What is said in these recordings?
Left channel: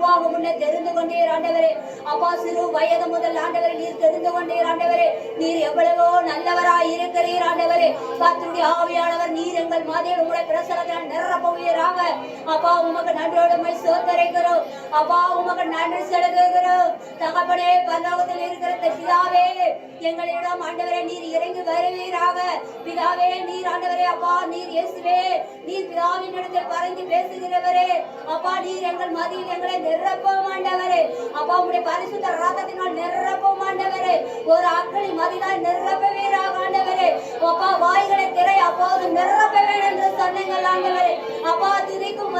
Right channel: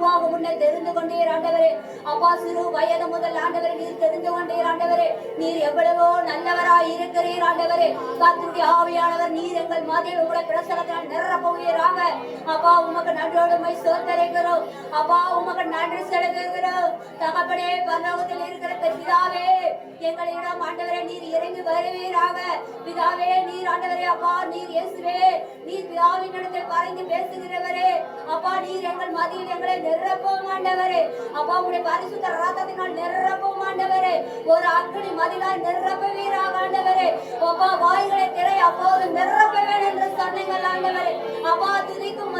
முன்னே தெரிந்து கொண்டீர் ஆண்டவரே. அப்பா சிறு வயது முதல் ஆண்டவரே நீர் தெரிந்து கொண்டீர் ஆண்டவரே. நீர் எவ்வளவோ நல்லவராய் இருக்கிறீர் ஆண்டவரே. கர்த்தருடைய ஆவியானவர் நீர் எங்கள் மத்தியில் உங்களுடைய பிரசன்னத்தினால் நிரப்புவீராக. அப்பா உமக்கு நன்றியோடு சோதரிக்கிறோம். அப்பா உமக்கு நன்றி செலுத்துகிறோம். தகப்பனே பரலோகத்தில் இருக்கிற பிதாவே எங்களிடம் ஆண்டவரே நீர் இறங்கி வருவீராக. பிதாவே நீர் ஆண்டவரே அப்பா நீர் இயேசுவே நீர் பிதாவின் இடத்தில் பறந்து பேசுகிறவரே. அப்பா நீர் எங்கள் மத்தியில் எங்களை நிரப்பும் ஆண்டவரே. அப்பா உங்களுடைய பரிசுத்த ரத்தத்தினால் நிரப்பும் ஆண்டவரே. ஒரு அக்னி மதிலால் நிரப்புவீராக ஆண்டவரே. அப்பா வாய்களை திரை அப்போது நிரப்ப வேண்டும் என்று சொன்னீங்கள் ஆண்டவரே. அப்பா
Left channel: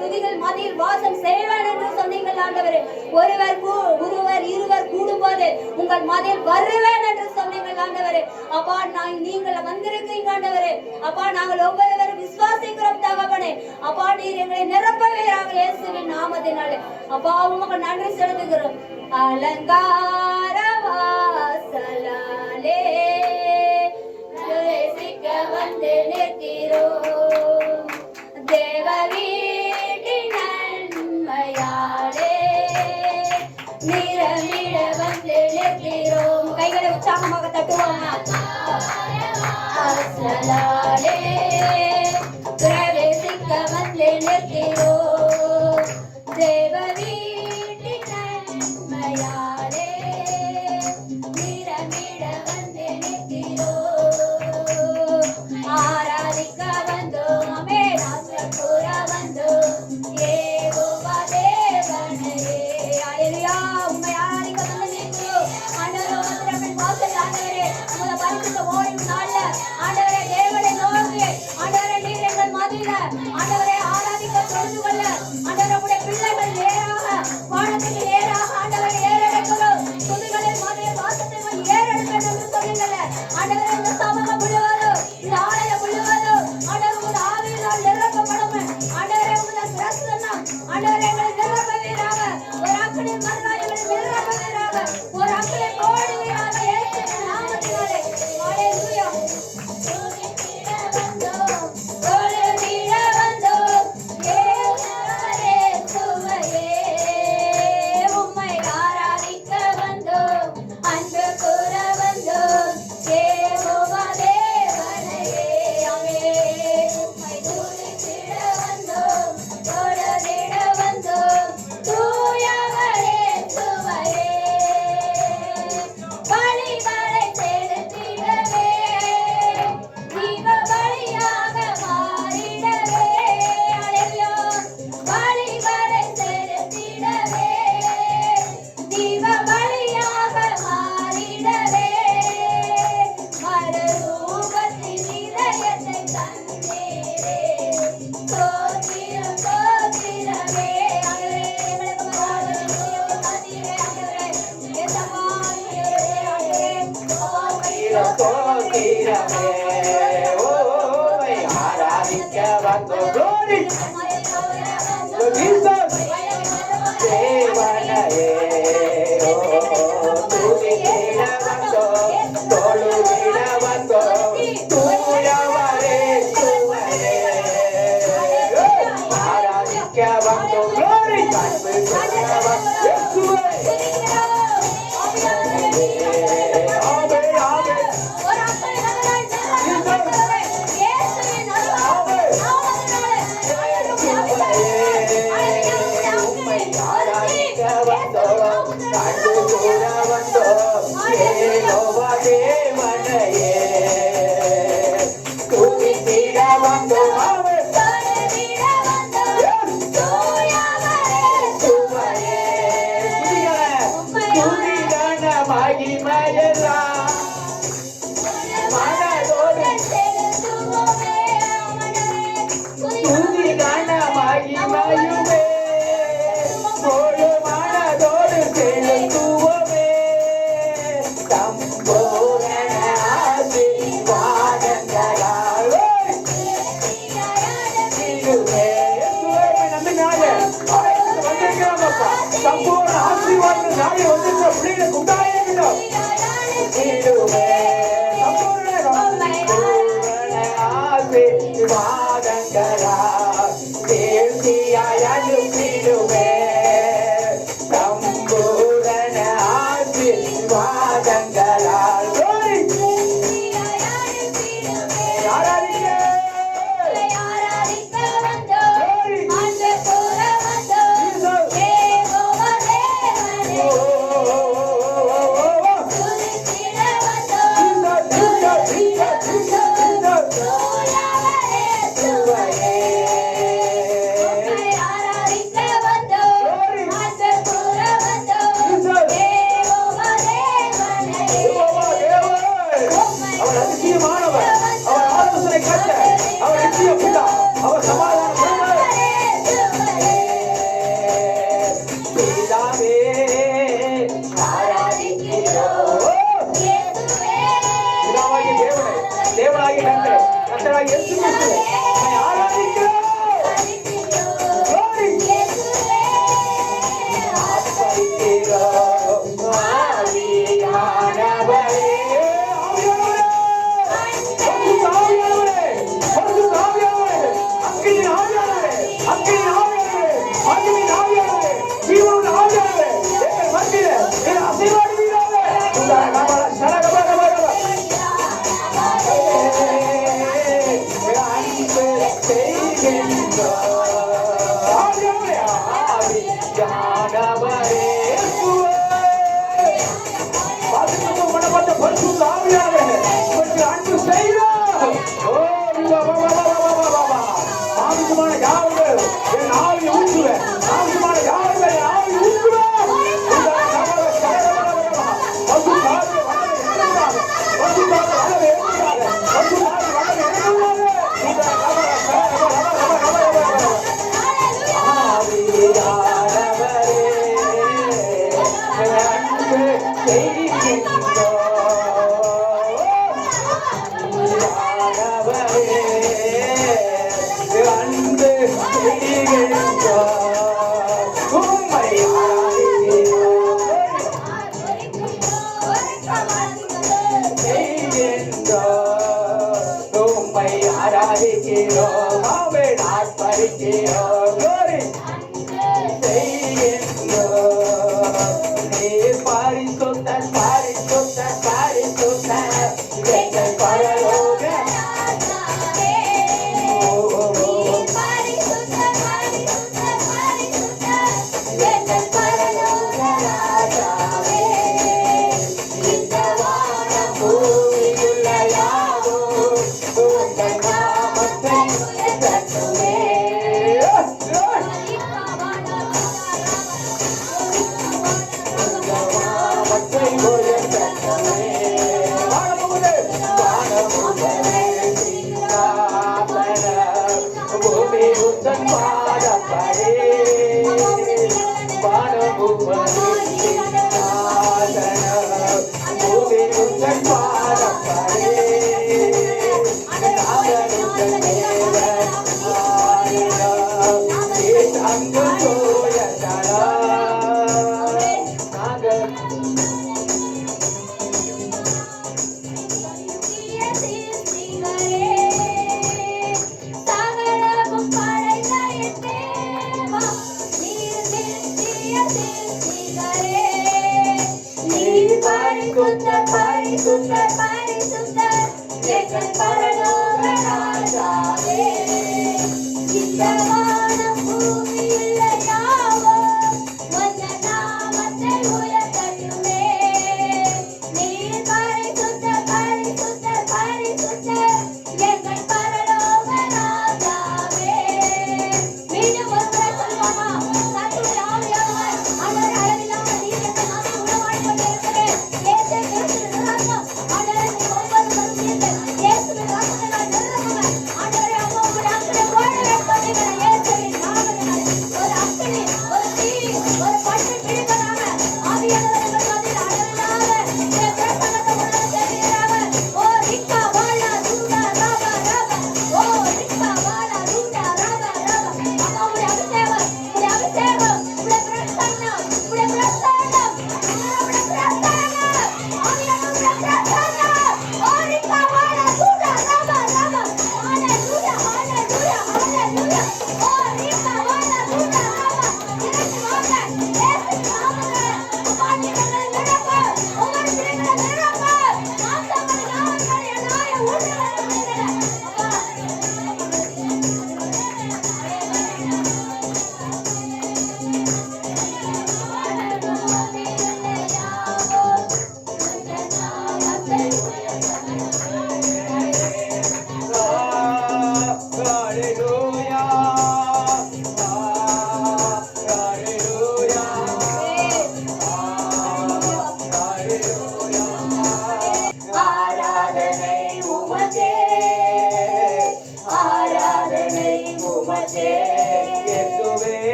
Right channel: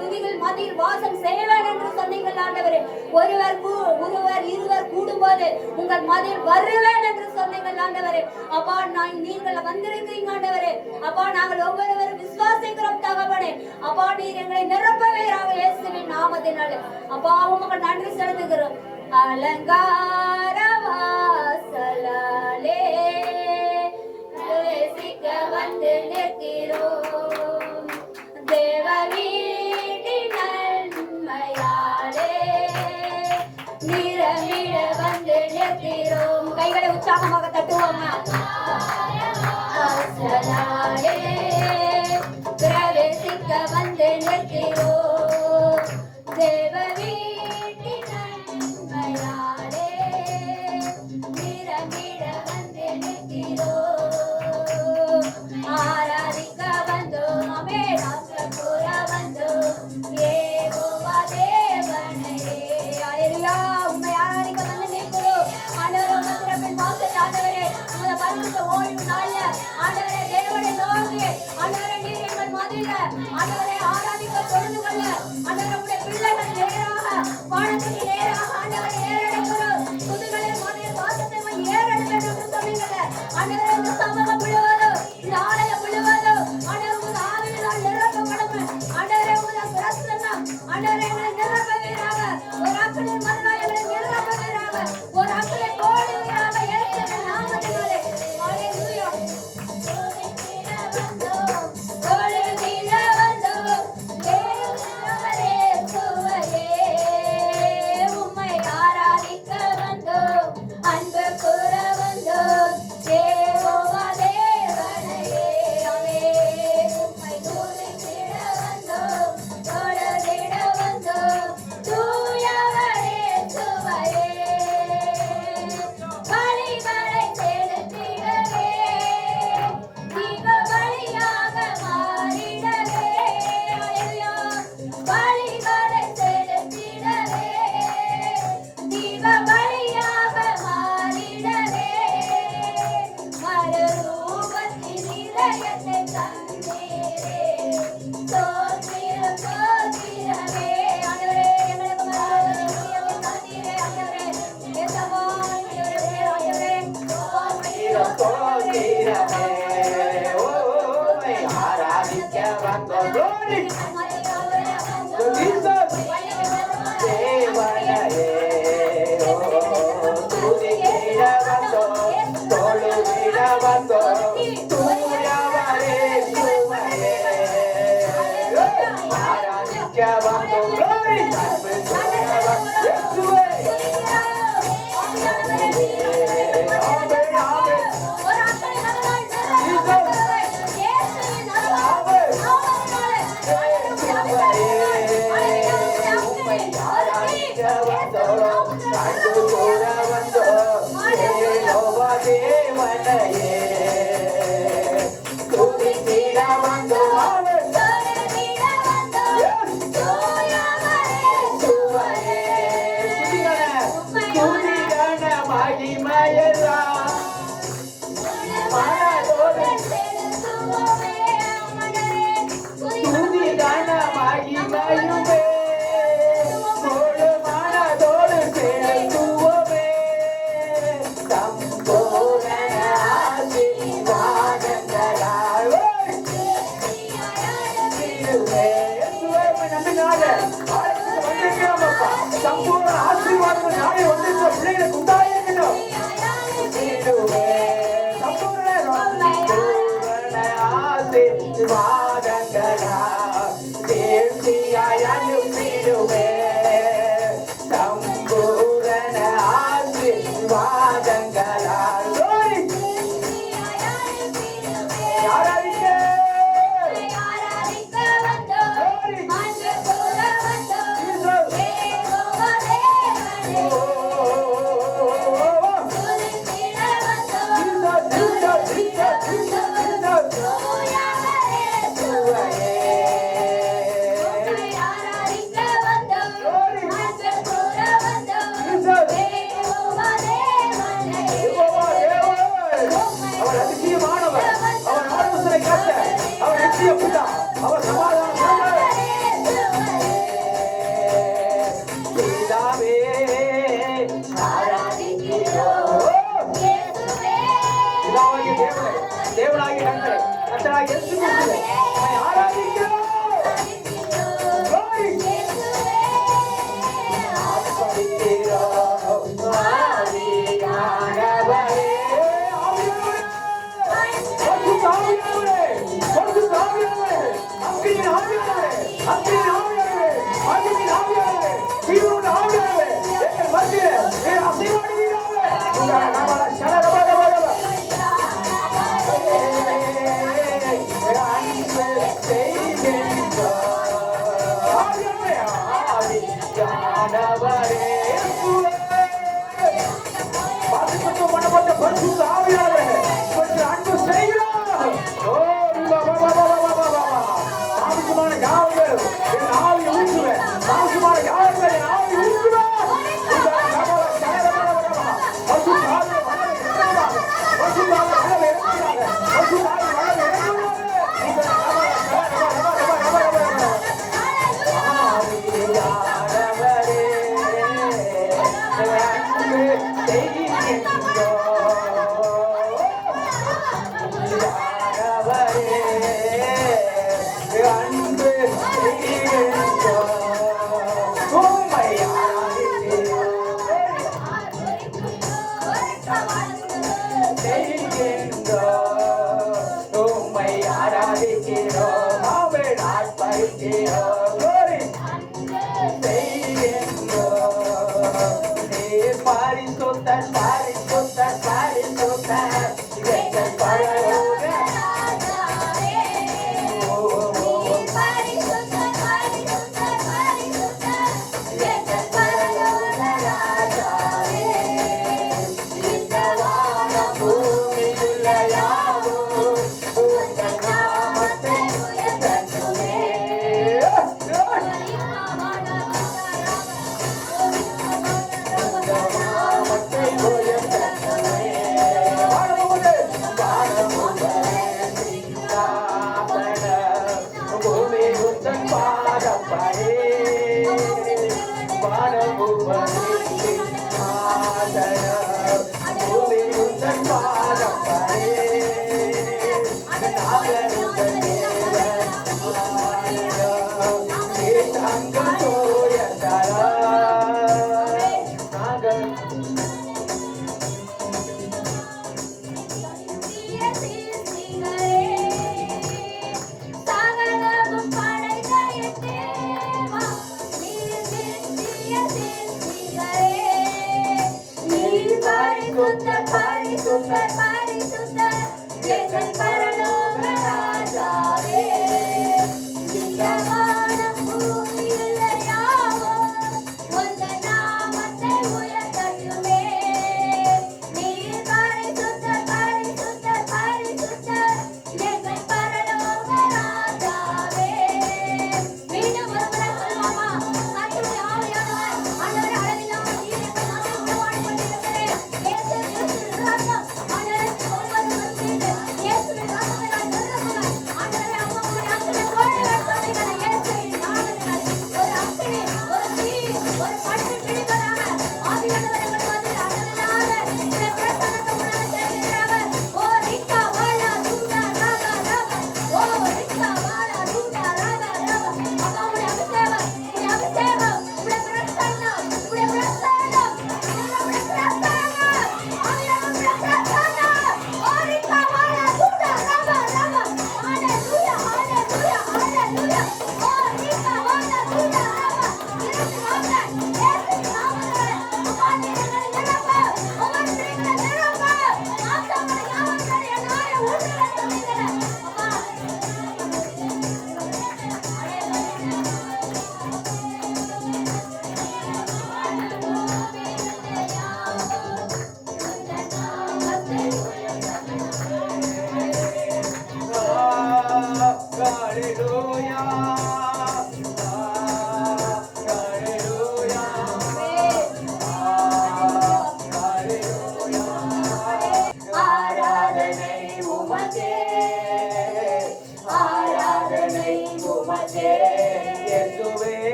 துதிகள் மத்தியில் வாசம் செய்வேன் என்று சொன்னீங்கள் ஆண்டவரே. ஒருவர் இருவர் கூடும்போது உங்கள் மத்தியில் வருவேன் என்று சொன்னீங்கள் ஆண்டவரே. அப்பா நீங்கள் வந்திருக்கீங்க ஆண்டவரே. அப்பா நாங்கள் ஒவ்வொருவரும் விசுவாசிக்கிறோம் தகப்பனே. அப்பா நீர் எங்களை நிரப்புவீராக இயேசுவின் நாமத்தினாலே. அப்பா உமக்கு நன்றி செலுத்துகிறோம். அலங்கார வாசலாலே பிரவேசிக்க வந்து நிற்கிறோம். தேவ வீட்டின் நன்மையாலே நிரம்பிட வந்து நிற்கிறோம். கைகளை உற்சாகமாக தட்டுவோம். வாசலாலே பிரவேசிக்க வந்து நிற்கிறோம். தேவ வீட்டின் நன்மையாலே நிரம்பிட வந்து நிற்கிறோம். ஆராதிக்க வந்தோம் கூற வந்தோம் யெகோவா தேவனையே. அல்லேலூயா. உம்மை ஆராதிக்க வந்து நிற்கிறோம் ஆண்டவரே. உம்முடைய வாசல் ஆண்டவரே உம்முடைய பரிசுத்த ஓய்வு நாள்ல ஆண்டவரே தேவனை நோக்கி ஆண்டவரே நீர் எங்கள் மத்தியில ஆண்டவரே ஆராதிக்க தொழுது கொள்ள ஆண்டவரே உம்முடைய பிள்ளைகள் நேராக வானத்துக்கு நேராக ஆண்டவரை ஏறெடுக்கிறோம். துதிகளின் மத்தியில் வாசத்தை ஏறெடுக்கிறது என்று சொன்னீங்க ஆண்டவரே. இந்த சமூகம் முழுவதும் இந்த ஆலயம் முழுவதும் ஆண்டவரே உமது ஆவியினால் நிரப்பப்படும் ஆண்டவரே. உமது பிரசன்னம் ஆண்டவரே எங்களை நிரப்புவீராக. ஒரு அக்கினி மதிலால் எங்களை நிரப்புவீராக. ஒரு அக்கினி போடுவீராக இயேசுவின் நாமத்தினாலே. ஹல்லேலூயா. உம்மை ஆராதிக்க வந்தோம் அன்பு கூற வந்தோம் யெகோவா தேவனையே. உம்மை துதித்திட வந்தோம் தொழுதிட வந்தோம் தூயவரே சுவையே. பலிகளை செலுத்திடவே தீப பலியாக மாறிடவே. அல்லேலூயா. பலிகளை செலுத்திடவே தீப பலியாக மாறிடவே. மறுரூபத்தின் இதயத்தை தந்தீரே. ஸ்தோத்திரம் ஸ்தோத்திரமே. ஆண்டவரே எங்களுக்கு மறுரூபத்தின் தந்தீரே ஆண்டவரே. இயேசுவா ஆண்டவரே ஆண்டவரே ஸ்தோத்திரமே. ஓமை ஆராதிக்க வந்தோம். Glory to Jesus. தேவனையே. துதித்திட வந்தோம் தொழுதிட வந்தோம் தூயவரே சுவையே. ஆராதிக்க வந்தோம். Glory. அன்பு கூற இயேசுவே. உம்மை ஆராதிக்க வந்தோம் அன்பு கூற வந்தோம் யெகோவா தேவனையே. துதித்திட வந்தோம் சுவையே. துதிகன மகிமையெல்லாம் மனதோடு துதிகன மகிமையுமே முழு மனதோடு செலுத்துவோமே. தம்போகன ஆசீர்வாதங்களால் தீருவே. சம்பூர்ண ஆசீர்வாதம் நாளை வந்து பிள்ளைகளை குட்டாயிருக்கணும். தீருவே. ஆசீர்வாதங்களால் தேர்ச்சியாய் அனுப்பிடுவே. பிதாவே ஆராதிக்கிறோம் இயேசுவே பிதாவாகிய தேவனே, தேவனாகிய கர்த்தரே, கர்த்தராகிய இயேசு கிறிஸ்துவே, உம்மை ஆராதிக்கிறோம். Glory. ஆராதிக்கிறோம். ஆவியானவரே, ஆவியானவரே, பரிசுத்த ஆவியானவரே, பரிசுத்த ஆவியானவரே, அக்கினியின் ஆவியானவரே, அக்கினியின் ஆவியானவரே, மகிமையின் ஆவியானவரே, ஜீவனுள்ள ஆவியானவரே, எங்கள் மத்தியிலே நீர் அசைவாடுவீராக. உண்டான நம்மள சரகபகபகப. அன்பு செய்கின்றோம். ஆவியானவரே, ஆவியானவரே, வாசிக்கப்பட்ட மனப்பட்ட பரிசுத்த ஆவியானவரே, உமக்கு அன்பு செய்கிறோம். ஓ, சாமிக்குமான யாவங்கள் என் ஆவி ஊற்றுவேன். சாமிக்குமான யாவங்கள் என் ஆவி ஊற்றுவேன்.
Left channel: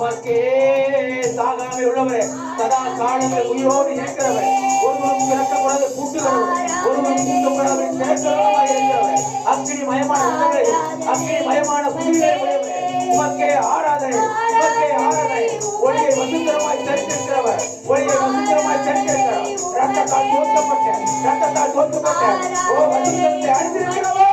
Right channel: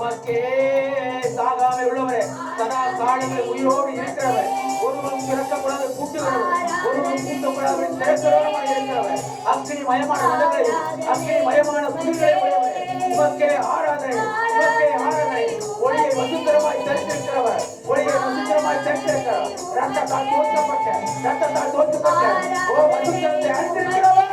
உமக்கே சாகாமை உள்ளவரே, சதா காலங்களை உயிரோடு இருக்கிறவர், ஒருவரும் திறக்கப்படாத கூட்டுகிறவர், ஒருவரும் கூட்டப்படாத திறக்கிறவராய் இருக்கிறவர், அக்கினி மயமான உலகங்களை, அக்கினி மயமான குடிகளை உடையவரே, உமக்கே ஆராதனை, உமக்கே ஆராதனை. ஒளியை வசுந்தரமாய் தெரிந்திருக்கிறவர், ஒளியை வசுந்தரமாய் தெரிந்திருக்கிறவர், ரத்தத்தால் தோற்கப்பட்ட, ரத்தத்தால் தோற்கப்பட்ட ஓ வசுந்தரத்தை அணிந்திருக்கிறவர்.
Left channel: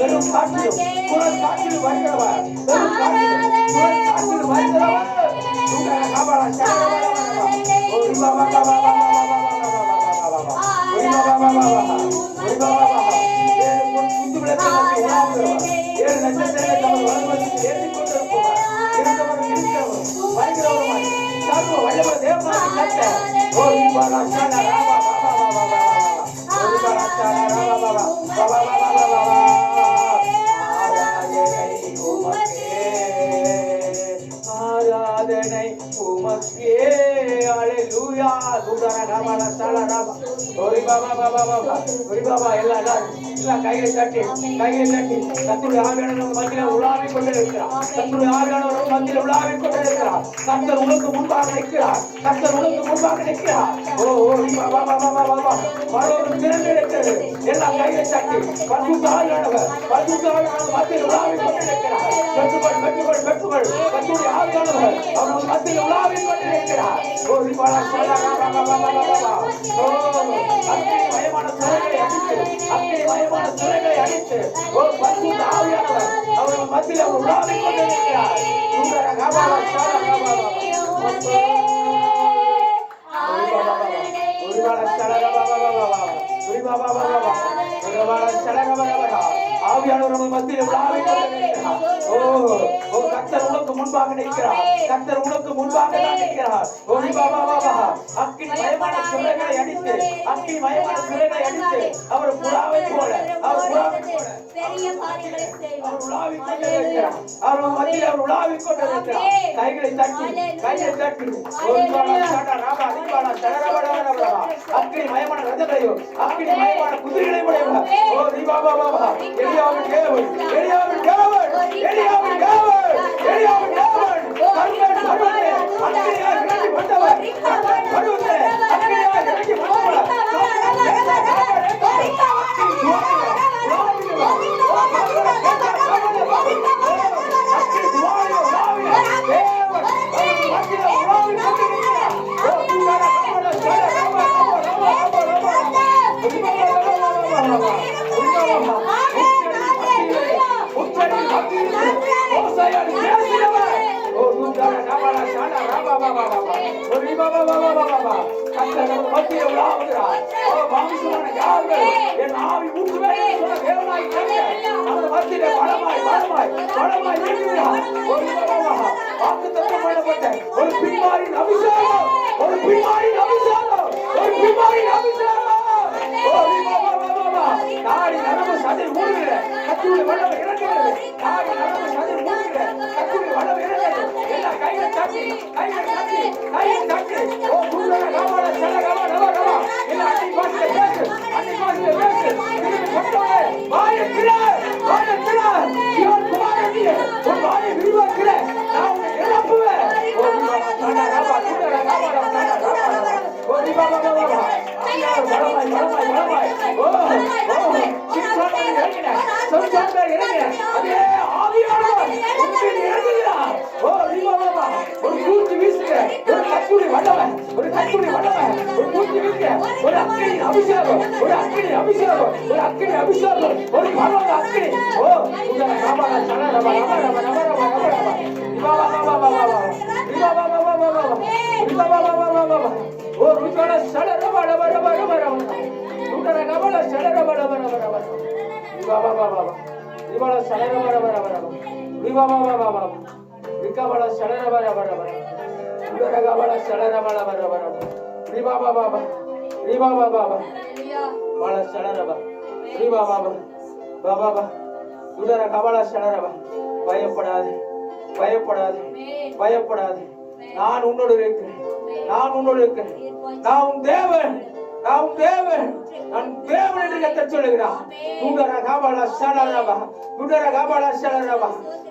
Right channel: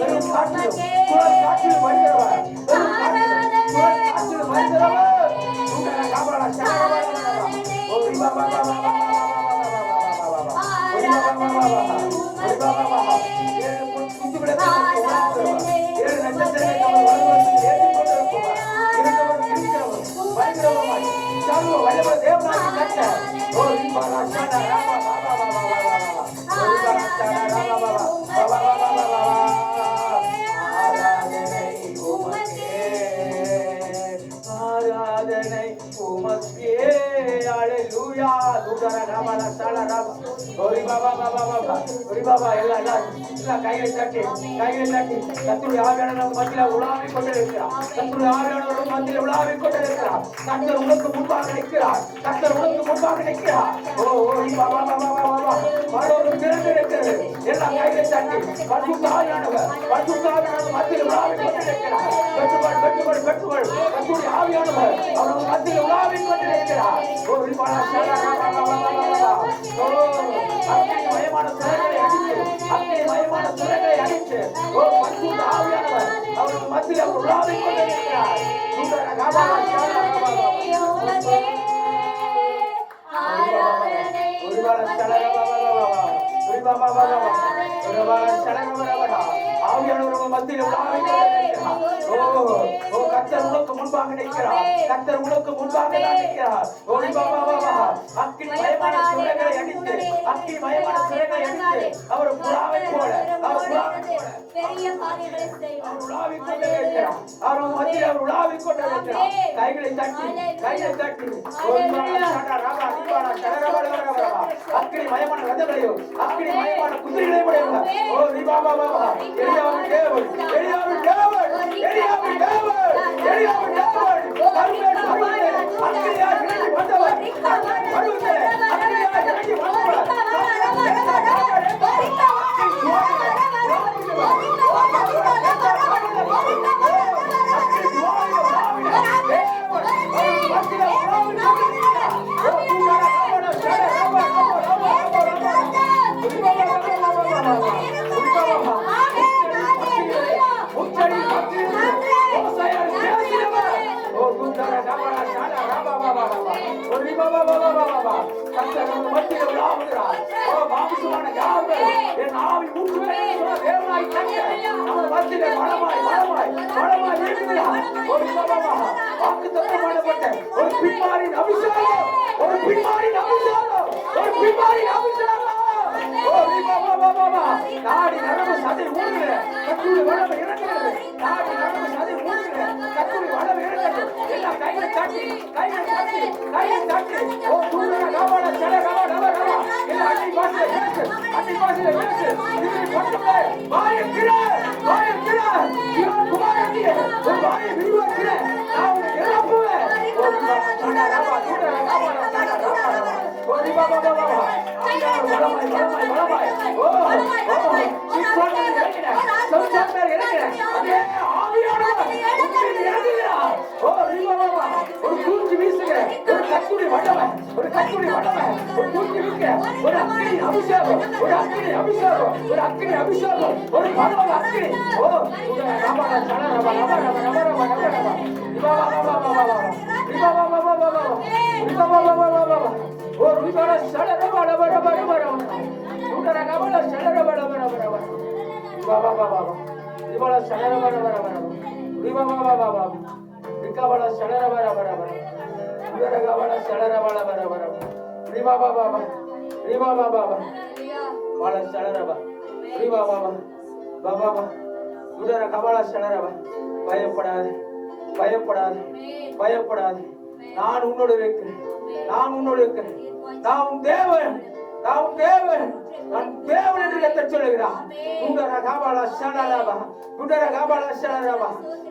பெரும் காற்றிலும் குரல் காற்றில் வருகிறவர், பெரும் காற்றிலும் குரல் காற்றில் வருகிறவர். ஏழு நட்சத்திரங்களை தமது வலதுபுறத்தில் ஏற்றிக் கொண்டிருப்பவர், இறந்தவர் இருக்கிறவர், வருகிறவருமாய் சர்வ வல்லமை தேவனாகிய கர்த்தர். ஓ இப்பாலா சாலா ராபா பாபா பாபா பாபா, ஓ இப்பாலா சாலா ராபா பாபா பாபா பாபா பாபா. ஆராதனை உமக்கே, அல்லேலூயா. துதர ராபா சாலா ராபா, ஓ பாபா பாபா பாபா, ஓ பாபா எல்லாம் கையை தட்டி கர்த்தருடைய ஆவியானவர் நம்ம மத்தியில உலாவிக் கொண்டிருக்கிறார். கர்த்தருடைய ஆவியானவர் நம்ம மத்தியில உலாவிக் கொண்டிருக்கிறார். கர்த்தர் உனக்கு முன்பாக நிற்கிறார். கர்த்தர் உனக்கு முன்பாக நிற்கிறார். ஓ ஓ பாபா பாபா பாபா, பரலோகம் திறந்து இருக்கிறது. எல்லாம் கையை தட்டி பரிசுத்த ஆவியானவர் மத்தியில் உலாவிக் கொண்டிருக்கிறார். பெற்றுக்கொள் கர்த்தருடைய ஆவியானவர் அவர் மத்தியில் உலாவிக் கொண்டிருக்கிறார். ஓ பாபா சல்லா பாபா பாபா, ஓ அக்கினி மயமான சிறைகளை அடித்து, அக்கினி மயமான சிறைகளை அடித்து, ஓ பரிசுத்த ஆவியானவர் அவர் மத்தியில் அவர் உலாவிக் கொண்டிருக்கிறார். ஆவியானவர் நம்ம மத்தியில் உலாவிக் கொண்டிருக்கிறார். ஓ ஓ கர்த்தர் உனக்கு முன்பாக நிற்கிறார். கர்த்தர் உனக்கு முன்பாக நிற்கிறார். ஓ பாபா பாபா, அக்கினி மயமான சிறைகளை அடித்து, அக்கினி மயமான சிறைகளை அடித்து அவர் புறாவை போல, அவர் புறாவை போல அவர் உலாவிக் கொண்டிருக்கிறார். அவர் மத்தியில் அவர் உலாவிக் கொண்டிருக்கிறார். கைகளை தட்டி அக்கினி மயமான ரதங்களையோ, அக்கினி மயமான குதிரைகளை உடையவர். ஓ பாபா பாபா, எலியாவின் தேவன், எலியாவின் தேவன், எலியாவின் தேவன், எலியாவின் தேவன், கர்த்தர் பருவத்திலே அக்கினியாய் இறங்கி வந்தவர், கர்த்தர் பருவத்திலே அக்கினியாய் இறங்கி வந்தவர். பயப்படாது, நான் உன்னோடு இருக்கிறேன், நான் உன்னோடு இருக்கிறேன். நான் உன் தேவன், நான் உன் தேவன், நான் தேவன் என்று கர்த்தர் சொல்லுகிறார். துடர கபால சலரபா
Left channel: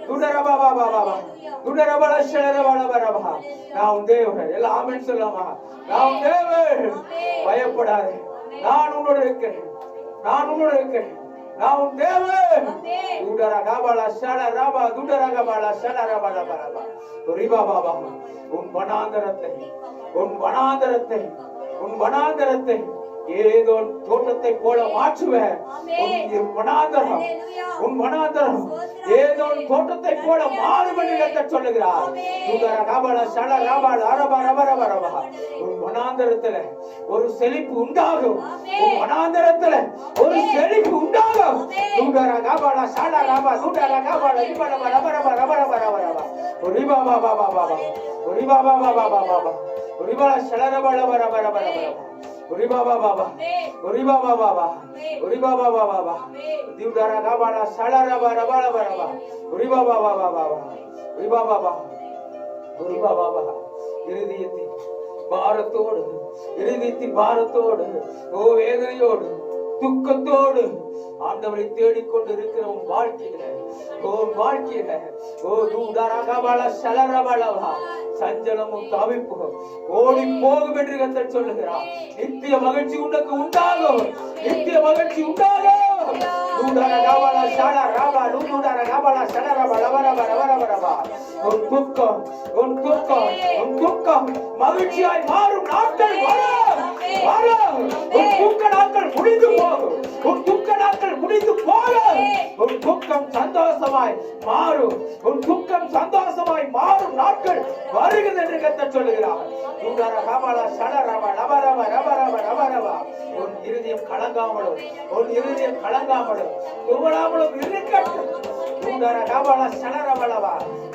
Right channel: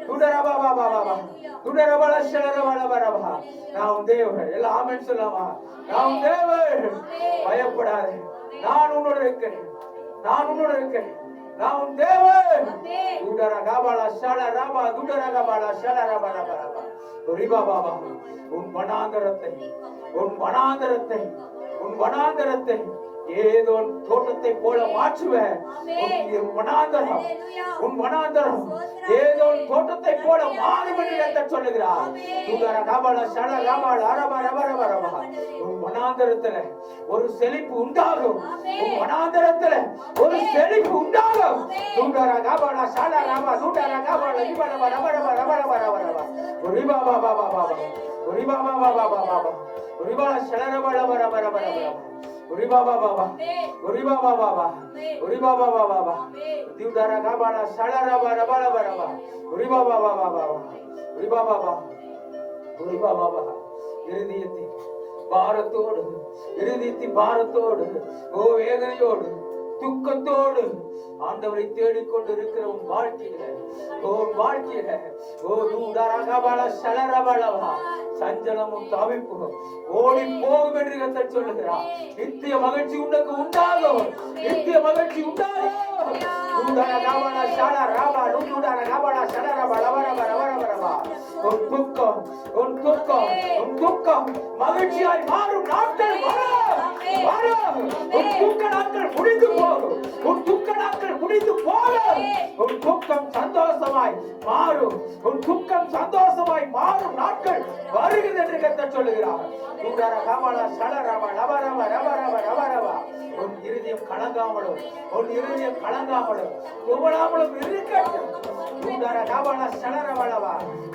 துடர பாபா பாபா துடர பால சலரபா. நான் தேவன். எல்லாம் ஆமென் சொல்லுமா. நான் தேவன். பயப்படாதே. நான் உன்னோடு இருக்கிறேன். நான் உன்னோடு இருக்கிறேன். நான் உன் தேவன். துடர கபால சலரபா துடர கபால சலரபா ரபா. ரிபா பாபா. உன் வனாந்தரத்தை ஏதோ தோட்டத்தை போல மாற்றுவேன். உன் வனாந்தரம் ஏதோ தோட்டத்தை போல மாறும் என்று சொல்லுகிறார். உன் வனாந்தரத்துல ஒரு செழிப்பு உண்டாகும். உன் வனாந்தரத்துல ஒரு செழிப்பு உண்டாகும். பாரத்தோடு வேதனையோடு துக்கத்தோடு ஆண்டவரை தேடிக்கொண்டு இருக்கிற உன் வாழ்க்கையில சஞ்சலமும் தவிப்பும் ஓடி போகும் என்று கர்த்தர் சொல்லுகிறார். நித்திய மகிழ்ச்சி உனக்கு உண்டாகும். நித்திய மகிழ்ச்சி உண்டாகும். உன் துக்கம் மகிழ்ச்சியாய் மாறும் நாட்கள் வரும். உன் துக்க நாட்கள் முடிந்து போகும். உன் துக்க நாட்கள் முடிந்து போகும். உன் துக்கம் சந்தோஷமாய் மாறும். உன் துக்கம் சந்தோஷமாய் மாறும் நாட்கள் வருகிறது என்று கர்த்தர் சொல்லுகிறார். உன் இருதயம் கலங்காமலும் துவளாமலும் இருக்கட்டும்.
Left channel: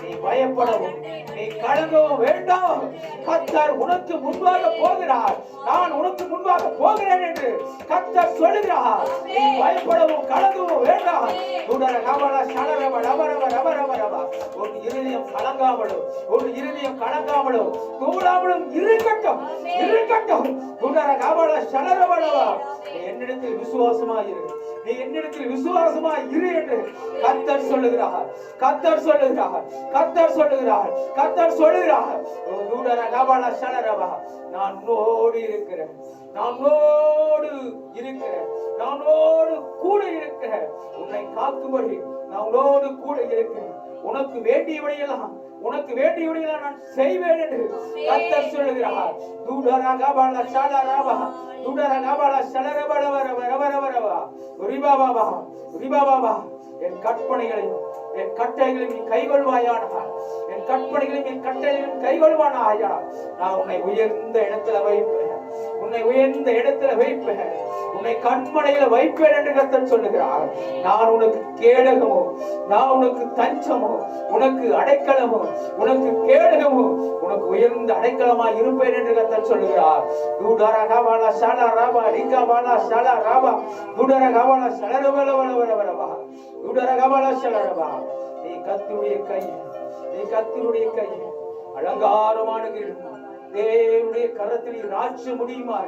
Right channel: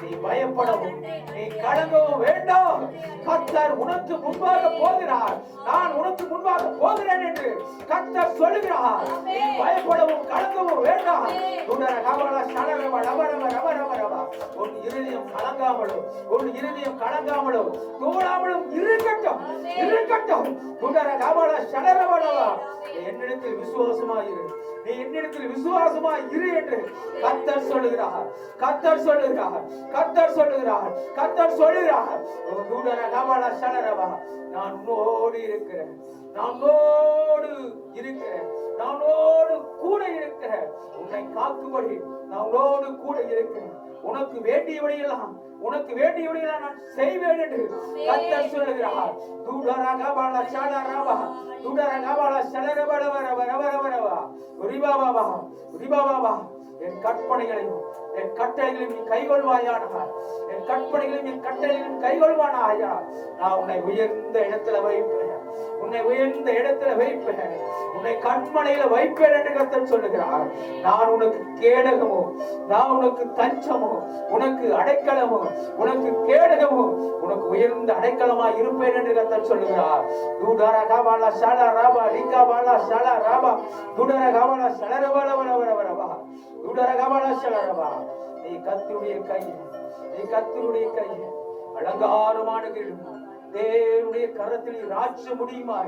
நீ பயப்படவும் நீ கலங்கவும் வேண்டாம். கர்த்தர் உனக்கு முன்பாக போகிறார். நான் உனக்கு முன்பாக போகிறேன் என்று கர்த்தர் சொல்லுகிறார். நீ பயப்படவும் கலங்கவும் வேண்டாம். உன் இருதயம் கலங்காமலும் தூளாமலும் இருக்கட்டும். என்னிடத்தில் விசுவாசமாயிரு. நீ என்னிடத்தில் விசுவாசமாய் இரு என்று கர்த்தர் சொல்லுகிறார். நான் உன்னோடு இருக்கிறேன். நானோடு கூட இருக்கிறேன். உன்னை காக்கும்படி நான் உன்னோடு கூட இருக்கிறேன். உனக்கு வேண்டியவனையெல்லாம் நான் செய்வேன் என்று கர்த்தர் சொல்லுகிறார். என் கற்பனைகளையும் என் கட்டளைகளையும் நீ கைகொள்வாயானால், என் கற்பனைகளையும் என் கட்டளைகளையும் கைகொள்வானாயா, நான் உன்னை உயர்ந்த இடத்துல வைப்பேன். உன்னை கண்மனையில வைப்பேன் என்று கர்த்தர் சொல்லுகிறார். நான் உனக்கு கேடகமோ, நான் உனக்கு தஞ்சமோ, உனக்கு அடைக்கலமோ, உனக்கு கேடகமோ, உனக்கு உயர்ந்த அடைக்கலமா இருப்பேன் என்று கர்த்தர் சொல்லுகிறார். நீ கர்த்தருடைய கை அலங்காரமான தேவனுடைய கரத்தில் ராட்ச முடியுமா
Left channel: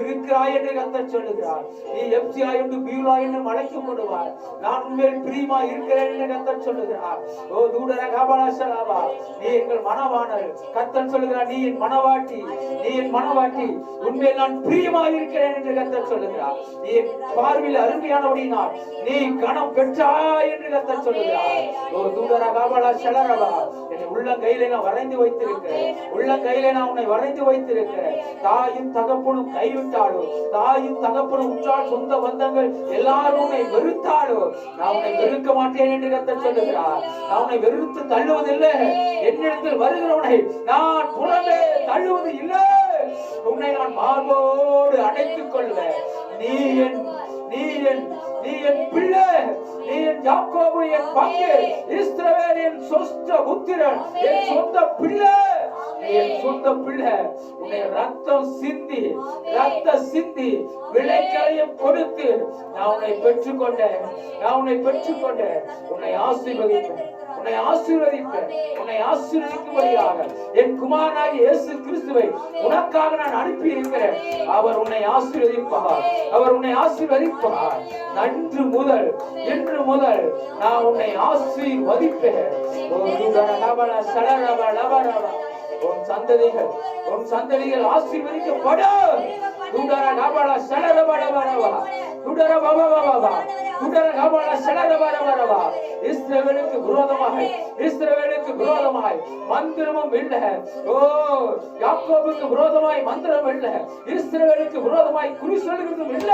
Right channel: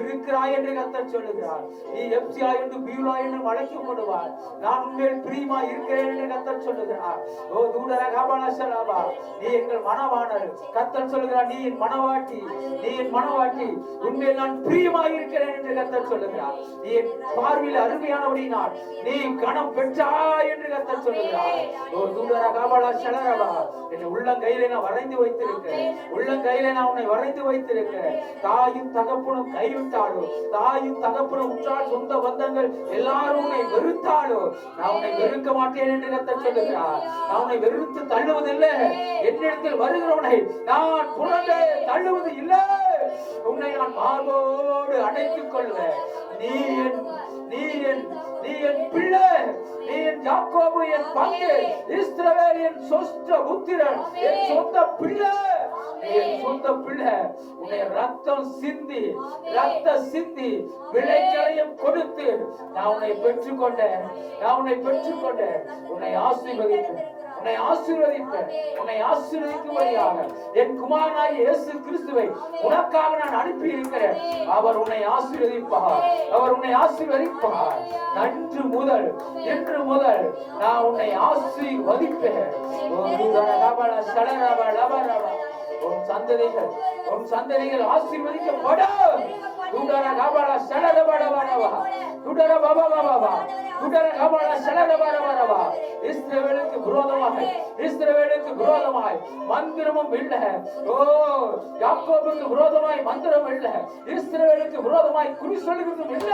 இருக்கிறாய் என்று கர்த்தர் சொல்லுகிறார். நீ எப்சியா என்று பியூலா என்று அழைக்கப்படுவார். நான் உன்மேல் பிரியமா இருக்கிறேன் என்று கர்த்தர் சொல்லுகிறார். ஓ தூடர கபலசலவா, நீ எங்கள் மனவாணர். கர்த்தர் சொல்லுகிறார், நீ என் மனவாட்டி, உன்மேல் நான் பிரியமா இருக்கிறேன் என்று கர்த்தர் சொல்லுகிறார். நீ என் பார்வையில் அருமையானபடியினால் நீ கனம் பெற்றாய் என்று கர்த்தர் சொல்லுகிறார். ஓ தூடர கபலசலவா, என் உள்ளங்கையிலே நான் வரைந்து வைத்திருக்கிறேன். தாயும் தகப்பனும் கைவிட்டாலோ, தாயும் தகப்பனும் உற்றார் சொந்த பந்தங்கள் எல்லாரும் உன்னை வெறுத்தாலோ, நான் உன்னை வெறுக்க மாட்டேன் என்று கர்த்தர் சொல்லுகிறார். நான் உன்னை வெறுத்து தள்ளுவதில்லை. என்னிடத்தில் வருகிறவனை நான் புறமே தள்ளுவது இல்லை. உன்னை நான் மார்போடு அடைத்துக் கொள்வேன். நீ என் பிள்ளை, நீ என் யாக்கோபு, என் பங்கு, இஸ்ரவேல் என் சொந்த புத்திரன், என் சொந்த பிள்ளை. என் சொந்த பிள்ளை. உன்னை ரத்தம் சிந்தி விளைக்களையும் கொடுத்து நான் உன்னை பெற்றுக்கொண்டேன். உன்னை ஆசீர்வதிப்பேன். உன்னை ஆசீர்வதிப்பேன். உன்னை ஆசீர்வதிக்கும்படியாக என் குமாரனாகிய இயேசு கிறிஸ்துவை உனக்காக நான் அனுப்பி இருக்கிறேன். அவர் உன்னை ஆசீர்வதிப்பார். அவர் உன்னை ஆசீர்வதிப்பார். நன்று முதல் இன்று முதல் நான் உன்னை ஆசீர்வதிப்பேன். உன் சந்ததிகள் ஆசீர்வதிக்கப்படும். இஸ்ரவேலுக்கு விரோதமாய் மந்திரமும் இல்ல. ஓ, யாக்கோபுக்கு விரோதமாய் மந்திரம் இல்ல. இஸ்ரவேலுக்கு விரோதமாய் குறி சொல்லுகிறதும் இல்ல.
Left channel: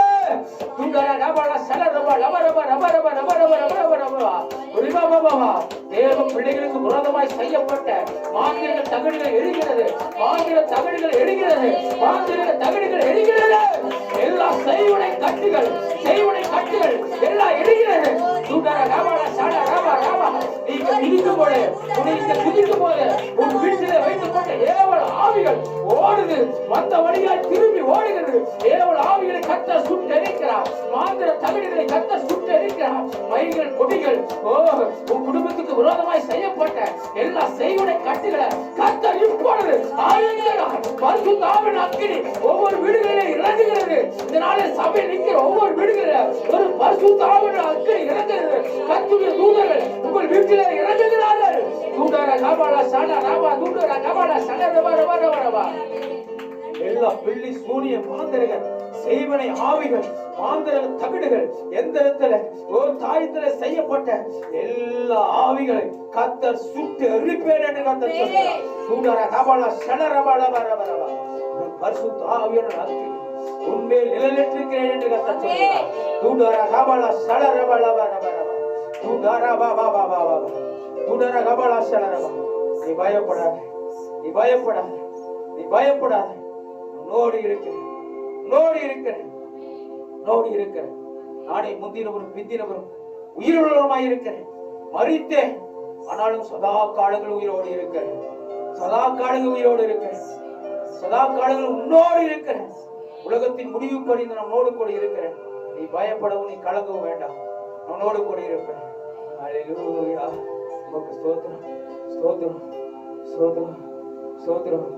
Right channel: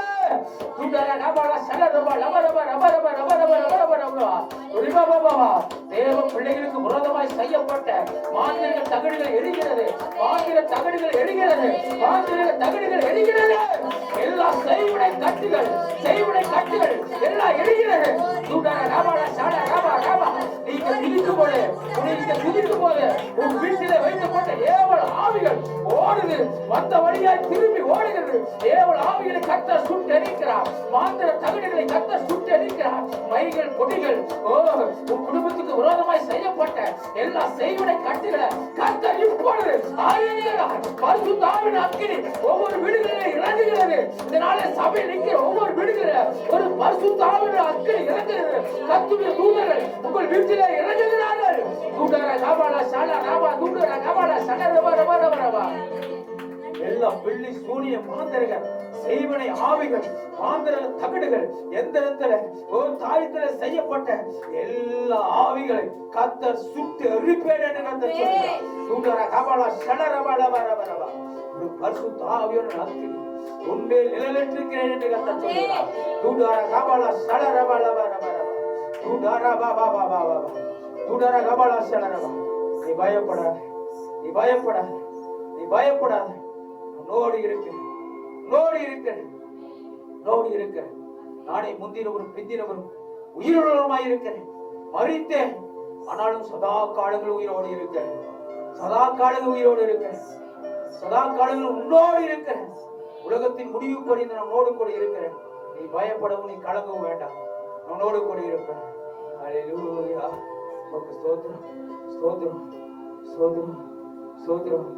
தேவ பிள்ளைகளுக்கு விரோதமாய் செய்யப்பட்ட மாந்திரிக தகடுகள் எரிகிறது. மாந்திர தகடுகள் எரிகிறது. மாந்திரிக தகடுகள் எரிகிறது. எல்லா செய்வினை கட்டுகள் எல்லாம் எரிகிறது. உன் வீட்டிலே வைத்துக்கொண்ட ஏவல் ஆவிகள் ஓடுது. வந்த வழியாய் திரும்பி ஓடுகிறது. ஏவல் ஆவிகளை கர்த்தர் சுட்டு எரிக்கிறார். மாந்திர தகடுகளை கர்த்தர் சுட்டு எரிக்கிறார். மைகள் கொடிகள், ஓ, உன் குடும்பத்துக்கு விரோதமாய் செய்யப்பட்ட எல்லா செய்வினை கட்டுகளை கர்த்தர் இப்பொழுது பரிசுத்த ஆவியின் அக்கினி ஒவ்வொரு வீடுகளிலே இறங்குகிறது. இந்த நாளில் சபையில் நிற்கிற ஒவ்வொரு வீடுகளில ஒரு பரிசுத்த ஆவியின் அக்கினி இறங்குகிறது. கர்த்தருடைய தூதர்கள் உங்கள் வீட்டிலே இறங்குகிறார்கள். எல்லா பிள்ளை சூனிய மாந்தர்கள் செய்வனை ஆவிகள் மாந்தர்கள் தகடுகள் எந்த இடத்துல ஒரு தாயத்துல செய்யப்பட்ட எல்லா ஆவிகளை கர்த்தர் சுட்டு எரிப்பேன் என்று கர்த்தர் சொல்கிறார். பரிசுத்த ஆவியான அக்கினி உன்மேல் நிழலிட்டிருக்கிறேன் என்று கர்த்தர் சொல்கிறார். நீ பயப்படாத, நீ பயப்படாத, நீ பயப்படாத. உன்னோடு இருக்கிறேன், உன்னோடு இருக்கிறேன், உன்னோடு இருக்கிறேன். நானே முந்தினவரும் பிந்தினவரும் உயிருள்ளவருமாய் இருக்கிறேன். மரித்தேன், ஆனாலும் சதா காலங்கள் உயிரோடு இருக்கிறேன். சதா காலங்கள் உயிரோடு இருக்கிறேன். சதா காலங்கள் உன்னோடு இருக்கிறேன். உலகத்தின் முடிவு பறிந்து நான் உன்னோடு கூட இருக்கிறேன். நீ பயப்படவும் நீ கலங்கவும் வேண்டாம். அவனோடு கூட இருப்பேன். ஹல்லேலூயா. ஸ்தோத்திரம், ஸ்தோத்திரம், ஸ்தோத்திரம், ஸ்தோத்திரம்.